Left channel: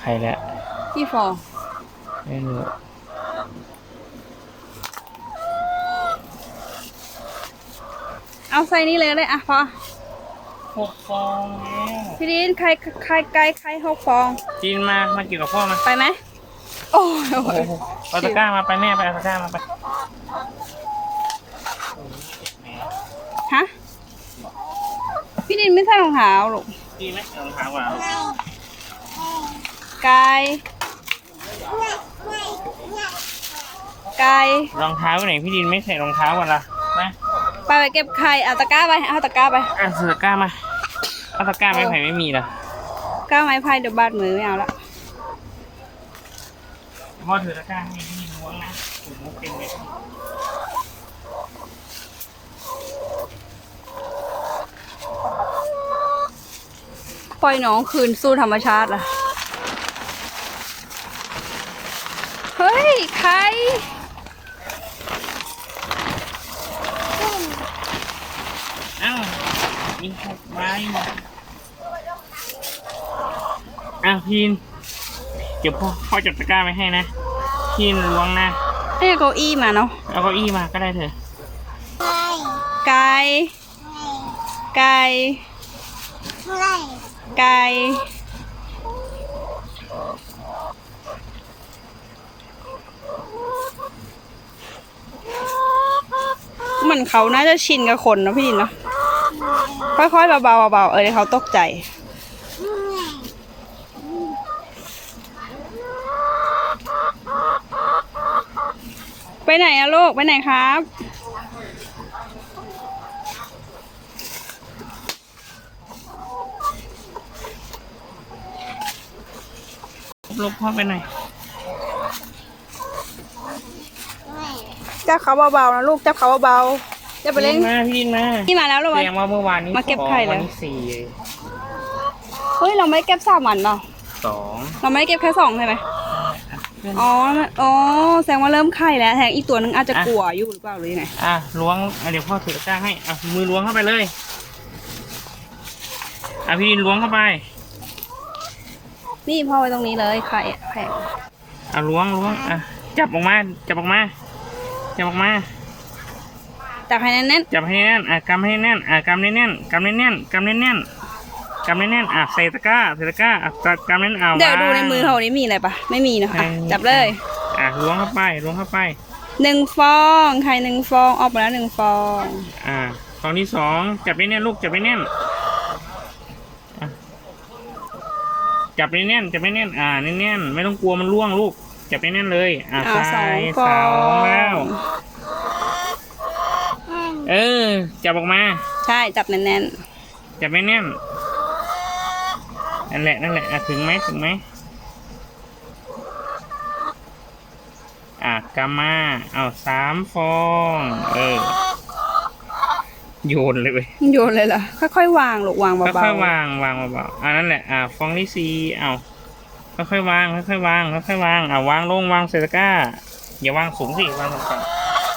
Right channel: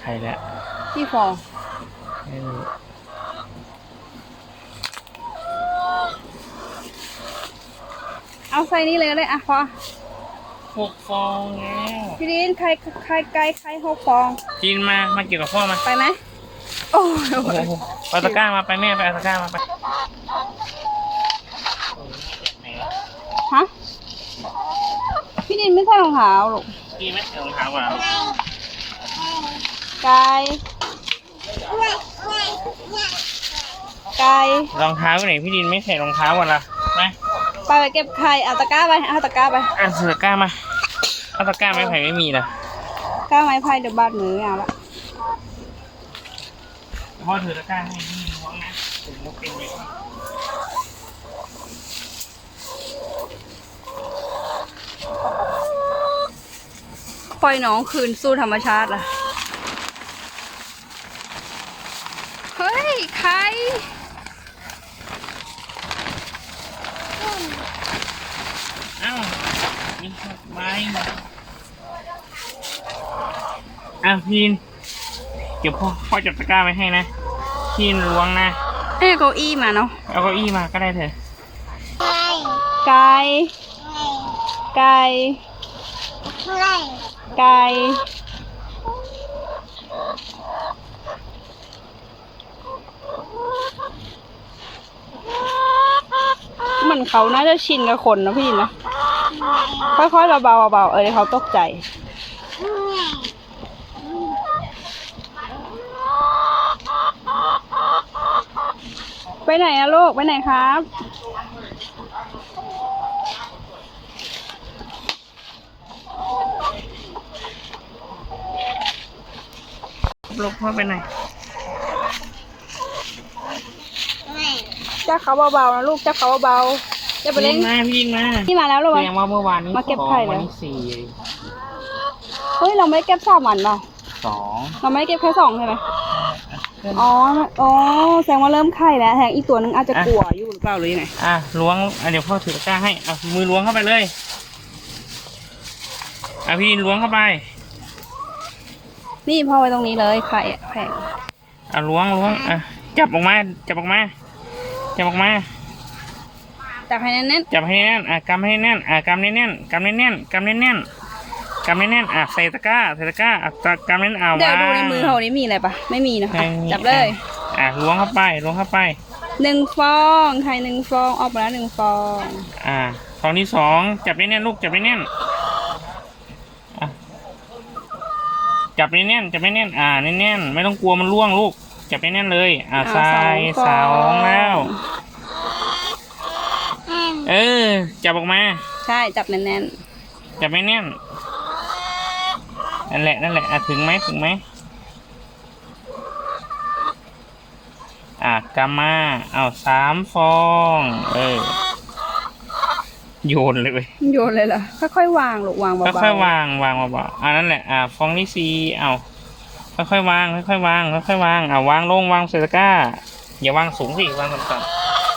ใครแล้วกี่ฟองไม่รู้เอาใส่นี่เลยก็ได้อะพอหกฟองแล้วพี่ดินใครใครไก่ใครหกฟองจีนมา มาเกี่ยวกับพ่อมาไปไหมโอ้ยโอ้ยไปตะกร้ามาไปแม่ไปเอาตะกร้ามาไปฮะพี่ดินไม่ใส่รองเท้าหรอกดีไหมรองเท้าว่ะ ไก่ ไก่รองเท้าไหนพี่ดินไม่ใส่รองเท้าว่ะล่ะนะไปไปเก็บไข่เอาตะกร้าไปเอาตะกร้าไปเอาเสือตะกร้ามาเอาตะกร้าไม่ไผ่ไม่มีเหรอก้าไม้พายเดี๋ยวบาดมือไม่เอาละพ่อถือตะกร้าให้พี่ล้วงนะผมมุกเป็นเลยปล่อยน้องคืนสู่ธรรมชาติล่ะ เฮ้ย ไข่เอ้ามีหกใบอะพี่นเดี๋ยวพ่อพ่อจับตะกร้าไว้ให้นะพี่นล้วงนะเอ้ยเก้าอี้มาเนาะเอาเก้าอี้มาก็ได้เถอะไก่ไก่ไก่ เหมือนเขาน่าจะชินกับคนนะพี่นะค่อยๆเบาๆเบาๆเออเดี๋ยวเขาตกใจ ไปไหนอะลูกไปไหนครับ ลูกพ่อไปไหน จับเขาเบาๆนะลูกจับเขาเบาๆจะไปเล่นมาพี่นมานี่มาแล้วเหรอแสวะดงว่าเมื่อวานนี้มาเก็บไข่แล้วสองวันนี้สี่เฮ้ยเราไม่ได้เก็บสามวันเปล่าสองเราไม่ได้เก็บแค่สองใช่ไหมอ๋อมันอ๋อแสดงว่าเริ่มไข่แล้วแทงอีกตัวหนึงอาจจะกลัวอยู่หรือเปล่าหรือยังไงอะล้วงอะเดี๋ยวพ่อถือตะกร้าให้อะมือล้วงเข้าไปเลยอะพี่ดินล้วงเข้าไปนี่พ่อไว้ตรงนี้เลยไข่แผงอะล้วงล้วงอะจับออกมาจับออกมา จับออกมาแต่ภายในนั้นจับให้แน่นอะกำให้แน่นอะกำให้แน่นกำให้แน่นกำให้แน่นกำให้แน่นอะใส่ตะกร้าใส่ตะกร้าอะกำให้แน่นเอาเดี๋ยวดูในมือเขานี้มีอะไรปะไม่มีนะคะไม่มีจับเลย อะล้วงเข้าไปล้วงเข้าไปหนึ่งฟองไข่หนึ่งฟองออกมาแล้วหนึ่งฟอง อ่าฟองที่สองจับแน่นๆลูกจับแน่นๆอะจับแน่นๆจับแน่นๆอ่าแน่นๆไม่ต้องกลัวมันร่วงลูก จับแน่นๆเลย อ่าอ่าใส่สองฟสอองแล้วงเออ จับออกมา ใช่จับแน่นจับแน่นๆนั่นแหละนั่นแหละอะถึงไหมถึงไหมอะกำมาเอาสามฟอง เออ โยนเลยเว้ยๆโยนเลยเหรอค่อยๆวางลูกวางเบาค่อยๆๆวางวางเบาๆอ่านั่นแหละอ่าฟองที่สี่เอา ค่อยๆวางค่อยๆวางค่อยๆวางอ่าวางลงวางเซตะกร้าอย่าวางสูงสิวางต่ำ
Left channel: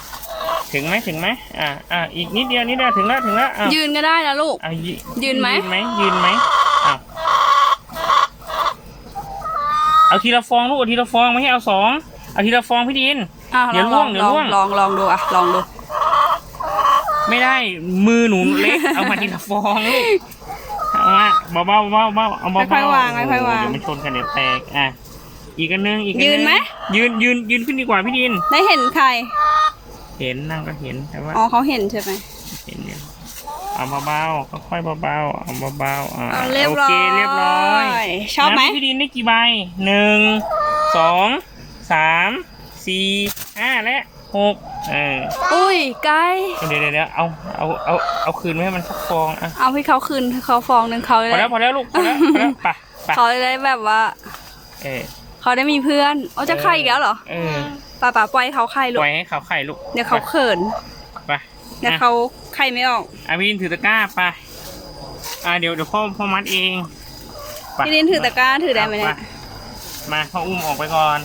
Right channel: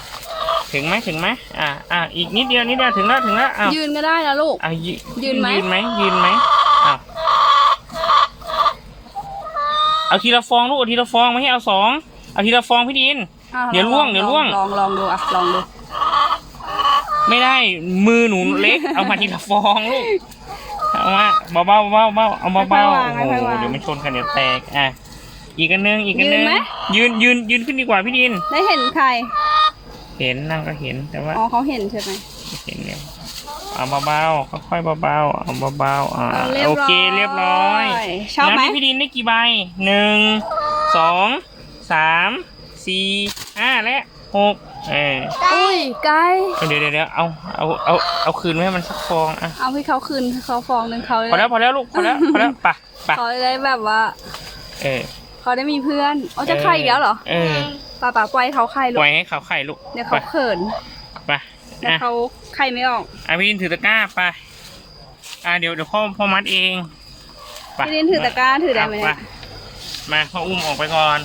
ๆถึงไหมถึงไหมอ่าอ่าอีกนิดเดียวนิดเดียวถึงแล้วถึงแล้วอ้าวยืนก็ได้นะลูก อ่ายืยืนไหม ยืนไหมยืนไหมอ้าวเอาทีละฟองลูกเอาทีละฟองไม่ให้เอาสองเอาทีละฟองพี่ดิน อะเดี๋ยวลล่วงเดี๋ยวล่วง ลองลองดูอะลองดู ไม่ได้มือหนูเล็กเอามาทีละฟองลูก เอามาเบาๆเบาๆเบาๆเอาเบาๆค่อยๆวางโอ้โหค่อยๆวางเดี๋ยวมันชนกันเดี๋ยวแตกอะอีกอันหนึงอีกอันยืหนึนงไหม ยืนยืนยืนขึ้นดีกว่าพี่ดิน ได้เห็นใคร เห็นนั่งก็เห็นแต่ว่าอ๋อเขาเห็นใช่ไหม เห็นเนี่ยเอาเบาๆค่อยๆเบาๆเอาเบาๆอ่าเอาเรียบโอร้อยเคเรียบร้อยชอบไหม นัพี่ดินได้กี่ใบหนึ่งสองสามสี่ห้าและหก เอออุ้ยไก่เดี๋ยวเดี๋ยวเดี๋ยวเอาเอาเอาเอาคืนไว้ให้มันสักฟองอะเอาให้เขาคืนให้เขาฟองหนึ่งเขาพอได้แล้วพอแล้วลูกพอแล้วพอแล้วไปไปเขาได้แบบว่า เออเขาได้มีเพื่อนเอาจะไข่อีกแล้วเหรอเออป่าป่าปล่อยเขาไข่ลูปกล่อยให้เขาไข่ลูกเดี๋ยวเขาเขินไปเดี๋ยวอะเขาไข่ไม่ออกอาวินถือตะกร้าไปอ่าเดี๋ยวเดี๋ยวพ่อพ่อมัดเองไปพี่ลินถือตะกร้าถือได้ไหมปเนี่ยมาพ่ออุ้มออกไปก่อน